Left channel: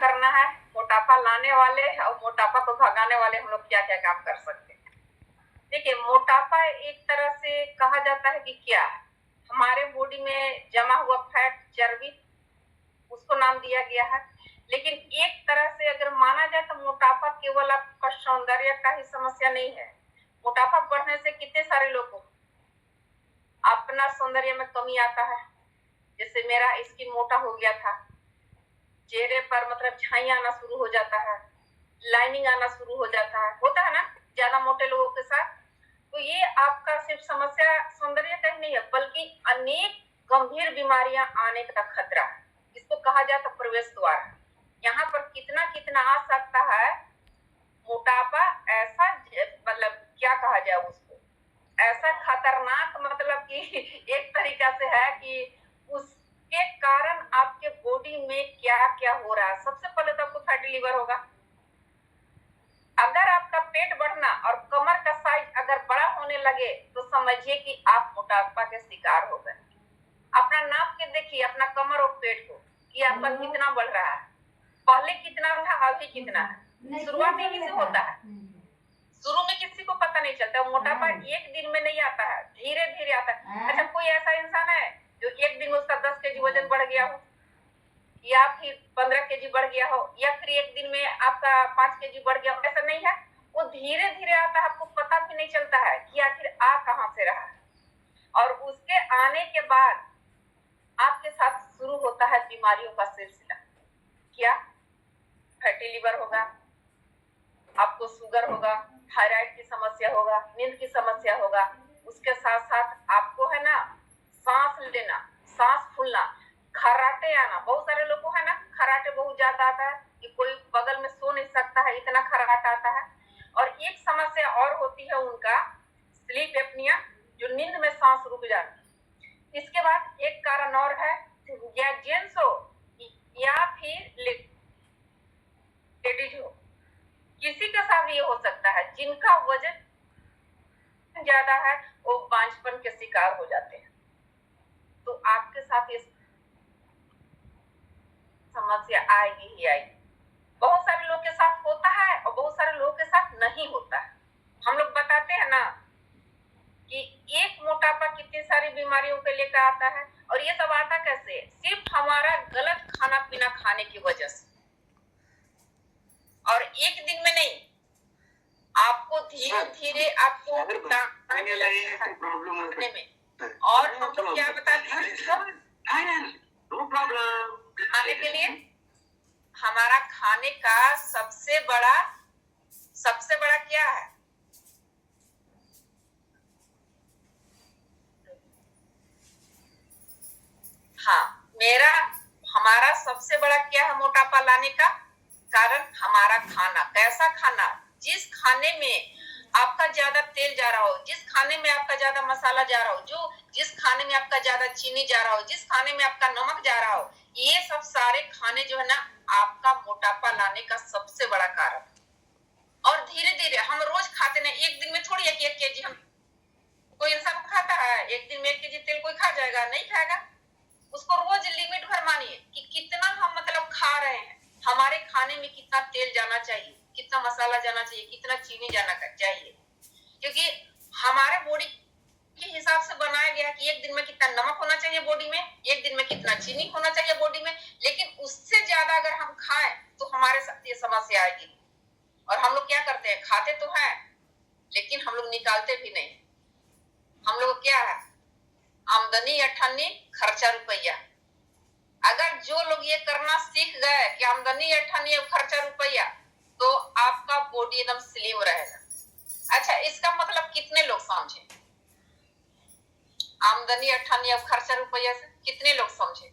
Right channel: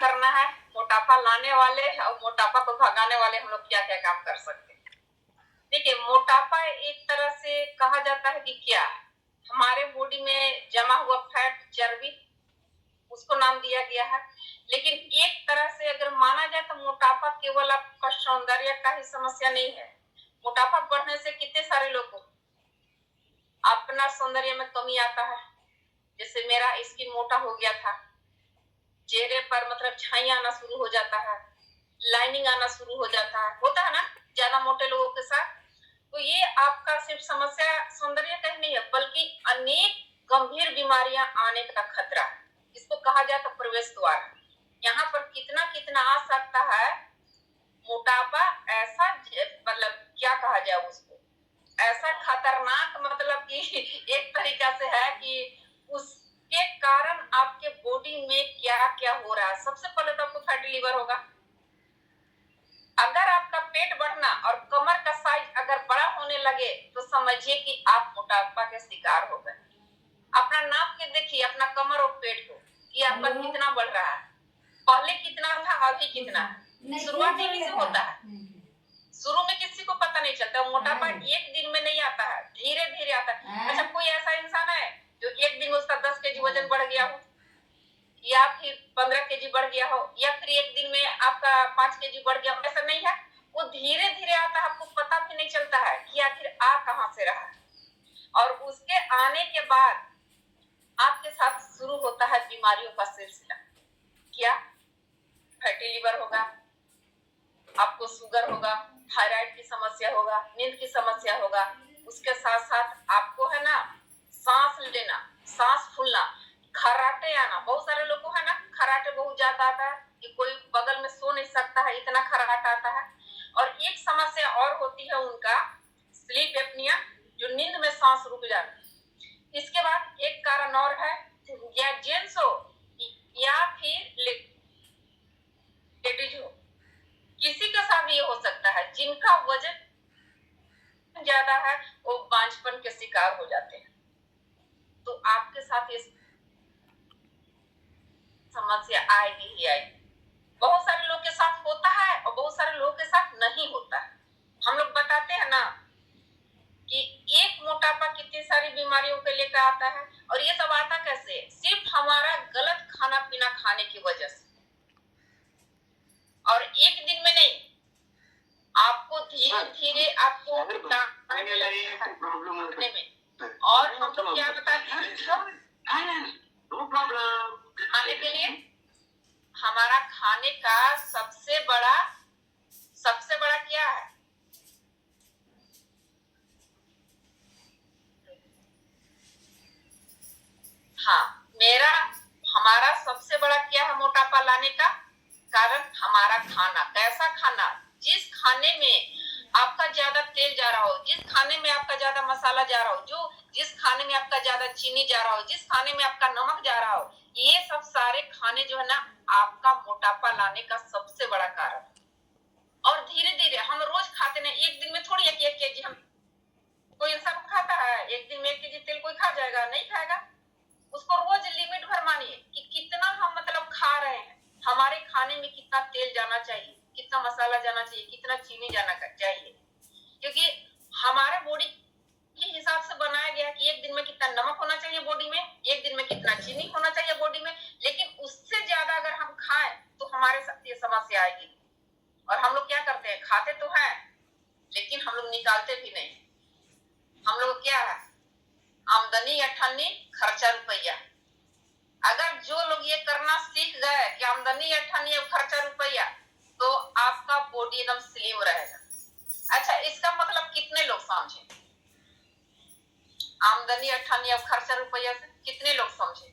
करना है, मोटापा लाने वाले और मोटापा को भगाने वाले हम लोग क्या क्या काम कर सकते हैं। देखिए, मोटापा एक तरह से कहा जाता है कि क्या हमारे बॉडी में जमा हुआ फैट, चर्बी, उसको नाम दिया गया है। लेकिन एक तरह से अगर माना जाए तो मोटापा केवल आपका सौंदर्य का ही समस्या नहीं है। मोटापा बढ़ने से कितने सारे लोग को अपना सौंदर्य में कमी आता है। जैसे मेरा स्किन मोटा हो गया था, चेहरे पर मतलब छाई आना शुरू हो जाता है, लाइनिंग आना शुरू हो जाता है, होता है ना ज्यादा मोटे लोगों के साथ। तो ये आपका सिर्फ समस्या सौंदर्य का ही नहीं है, बल्कि अनेक गंभीर बीमारियां आने का खतरा है। इसको कहा जाए तो प्रवेश द्वार। यहाँ पर कितना कितना आ सकता है मोटापा। ऐसा मतलब क्या कहा जाए उसको, ऐसा खतरनाक मतलब कि एक तरीका से है कि उसके कारण आपके बॉडी में क्या क्या हो रहा है। सबसे पहले तो आपको फैटी लिवर होगा। अगर आपका पेट बढ़ना और कमर का साइज अगर बड़ा होने लगे तो समझिए कि आप मोटापा के शिकार हो गए। अपना नाप के देखिए अपना कमर और पेट को कि आपका कितना बढ़ रहा है, पहले कितना था अभी कितना है। शुरुआत में किसी होता है, शुरू में किसी को पता नहीं चलता। मोटापा एक दिन में नहीं आता है, धीरे धीरे आता है। अच्छा, कोई ऐसा इंसान है जो एक दिन में उसका 10 केजी वजन बढ़ गया हो, या फिर 15 केजी बढ़ गया हो, या फिर एक दिन में आपका 5 केजी बढ़ गया हो? ऐसा नहीं है, वो धीरे धीरे आता है, आपको पता भी नहीं चलता है कि आखिर आ कहां से रहा। और उसके आने के बाद आपके साथ शुरू होता है बीमारियों का सिलसिला। क्या? फैटी लिवर होगा, आपको शुगर होगा, थायराइड की समस्या होगा, नींद की समस्या होगा। उसके साथ साथ आपको है ना सांस लेना, सांस फूलना, खर्राटे आना। बहुत सारे लोग को है ना खर्राटे बहुत ज्यादा आता है कि कोई बगल में सो नहीं सकता है, इतना खर्राटा आता है। और एक समस्या और होती है उनका स्लीप एपनिया, जो नींद में सांस रुक जाती है। इसके बाद एक कारण और है, या जेंट्स हो या फिर लेडीज हो, किसी के साथ ये हो सकता है जिनका वजन ज्यादा है वो बांझपन के शिकार हो जाते हैं। तो आपके साथ ये समस्या आएगी ही आएगी। बहुत सारे लोग के साथ होता है और बहुत सारे लोगों के साथ नहीं होता है। हम लोग बताते हैं ना कि एक मोटापा कितनी सारी बीमारियों के लेकर आता है। और ये सब आता कैसे? सिर्फ हमारा गलत खाना पीना खाने की वजह से। और एक दिन में नहीं, आपको धीरे धीरे आपको और हम तो क्या बताते हैं खाने के लिए, हमारा खाने का सबसे बड़ा क्या है? हाँ, हमारा सबसे बड़ा क्या है मोटापा लाने का कारण? हमारा खाना। कैसा खाना? जिस खाने में आपका ज्यादा तेल जा रहा हो, जिस खाने में आपका ज्यादा मसाला जा रहा हो, जिस खाने में आपका ज्यादा चीनी जा रहा हो, जिस खाने में आपका नमक जा रहा हो, ये सब सारे खाने जो है ना आपका मोटापा लाने का सबसे बड़ा कारण। और धीरे धीरे हम रोज खाते ना, एक दिन में थोड़ी 1 केजी हम कोई इंसान खाता है। एक दिन में 1 केजी तेल कोई खा जाएगा? नहीं खाएगा। उसको रोज लिमिट भर मानिए कि कितना हम मतलब खा रहे हैं, हमारे खाने में कितना तेल जाना चाहिए, कितना मसाला जाना चाहिए, कितना चीनी जाना चाहिए। क्योंकि हमारे बॉडी के हिसाब से बनाया गया कि एक दिन में कितना नमक होना चाहिए बॉडी में, एक दिन में कितना चीनी होना चाहिए बॉडी में। लेकिन उससे ज्यादा अगर हम खाएं तो हमारे साथ ये समस्या आएगी। और हम लोग क्या करते हैं, खाते तो हैं लेकिन हम लोग निकालते भी नहीं। हम लोग क्या है, आमदनी अठन्नी खर्चा रुपया। अगर जो लोग ये करना सीख गए कि आमदनी अठन्नी और खर्चा रुपया, तो आपका बॉडी एकदम स्लिम रहेगा। अच्छा, इसका मतलब कितने लोग समझे? आमदनी अठन्नी और खर्चा रुपया से कितने लोग समझे?